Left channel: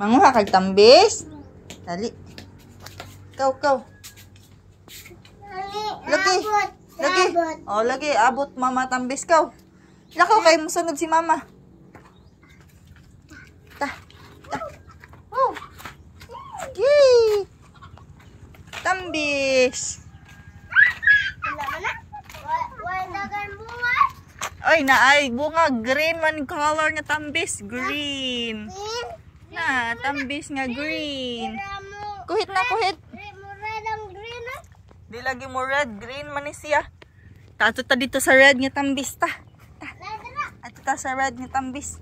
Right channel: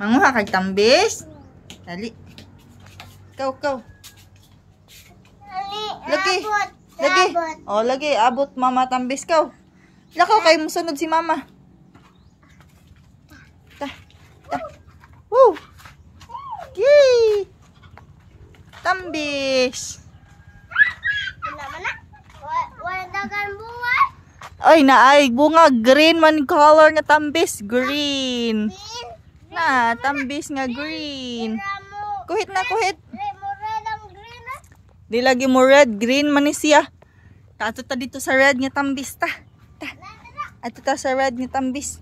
Manguha kag tambis. Dali. Ikaw. Lagi. Oh, lagi. Abot mama tambis kaw. Lakaw kayo musunod si mama. Ta. Woo. Yay. Tambis. Ay, naay. Bunga. Green man color nga tambis. Green. Na, tambis nga green. Kuhit na, kuhit. Di lagi mo red. Green man ni siya. Tato ta dito sa red nga tambis ta. Ato ta sa red nga tambis.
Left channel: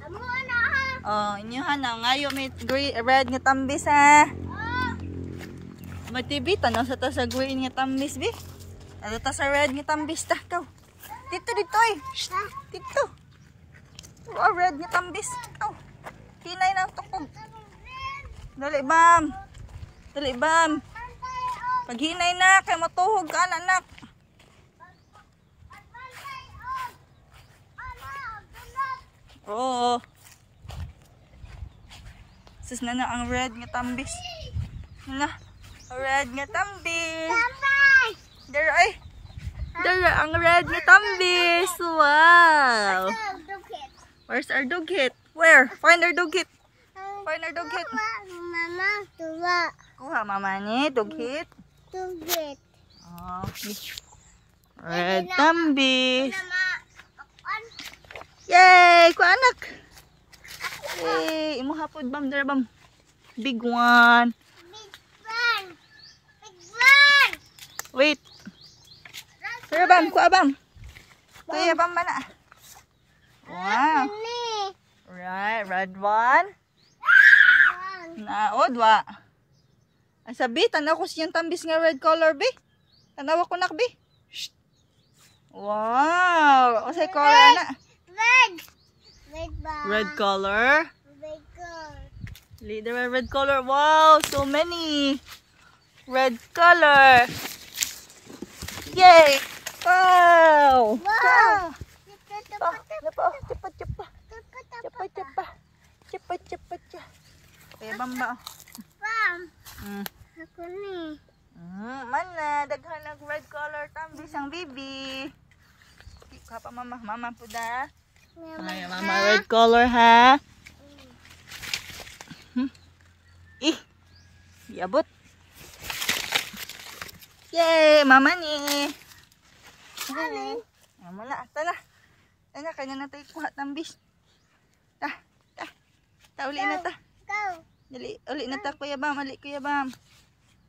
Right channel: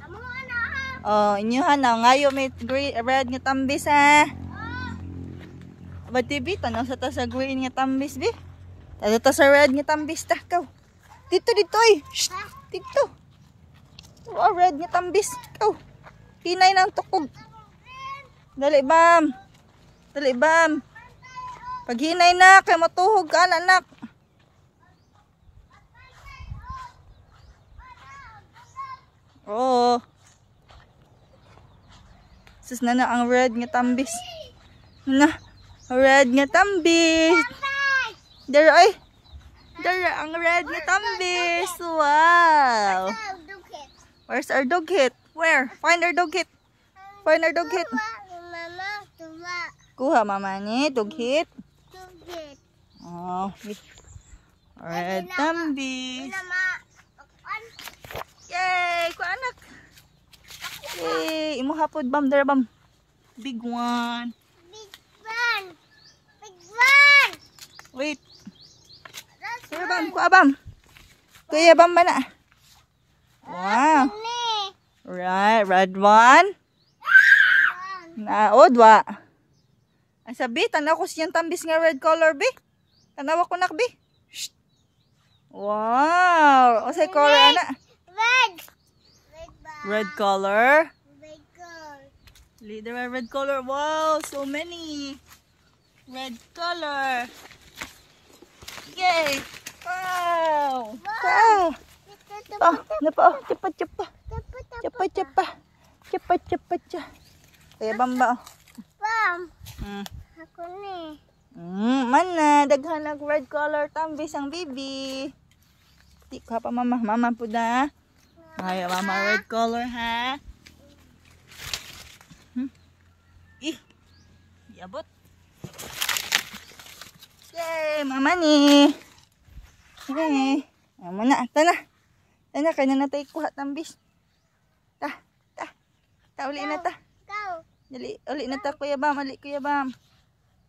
Oh, inyohan na. Ngayon may red nga tambis ha. Matibi, tanaw sa ta sa green nga tambis, bi. Tato ta sa red nga tambis ta. Kaw. Dito, ay. Shh, dito. Oh, red nga tambis. Kaw. Hinay ng tukog. Dali, bam. Dali, bam. Pag hinay na, kaya matuhog ka, anak. Oo. Sus na ang red nga tambis. Na, red nga tambis. Dara, ay. Dara, ang red nga tambis. Wow. Where's our dog hit? Where? Find our dog hit. Find our dog hit. Mama, tuwa. Kuha mama ni dog hit. Tugit. Oh, red tambis. Yay! Kuha anak. Yay! Imo hapod bam dara bam. Big one. Big one. Big one. Wait. Dara bam, kuha bam. Kuya bam ba na? Wow. Right, red one. Na, dwa. Ang sabi, tanaw ko siyang tambis nga red color, bi. Tanaw ko nak, bi. Shh. Wow. O say color, ana. Red. Red color. Red color. Leader red color. Wow, so many. Red color. Yay. Wow. Wow. Oh, napa, cepat. Kaya bamba. Bam. Hmm. Ako ni. Mana daghan nag red color tambis ang bibi. Di ka pa mama, mama po na. Ay, mama red color ha. Iabot. Yay, mama ni. Okay. Mama na, tana. Tana kanya na tayo kuha tambis. Ta uli na ta. Go. Dali, uli na ta kuya bam, uli kuya bam.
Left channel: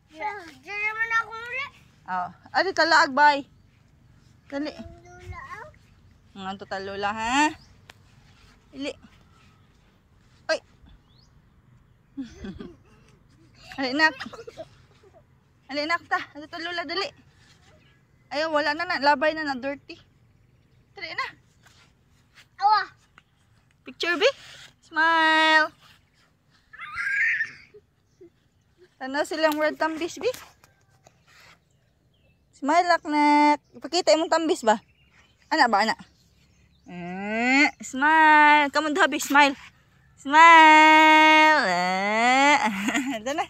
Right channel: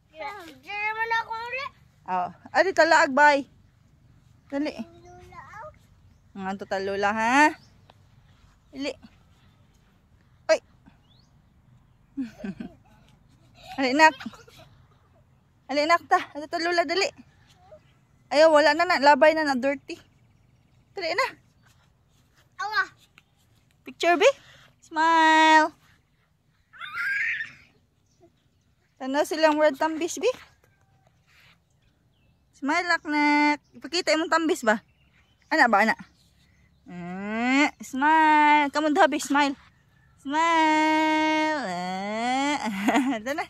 Diyan man ako ulit. Oh, adi talaag bay. Dali. Lula. Nga to talula ha. Dali. Oy. Ali nak. Ali nak ta, adi talula dali. Ayo wala na labay na dirty. Dali na. Awa. Picture be. Smile. Tanaw silang red tambis be. Smile nak. Ipakita imong tambis ba? Ana ba ana? Smile. Kamu daw be smile. Smile. Dana.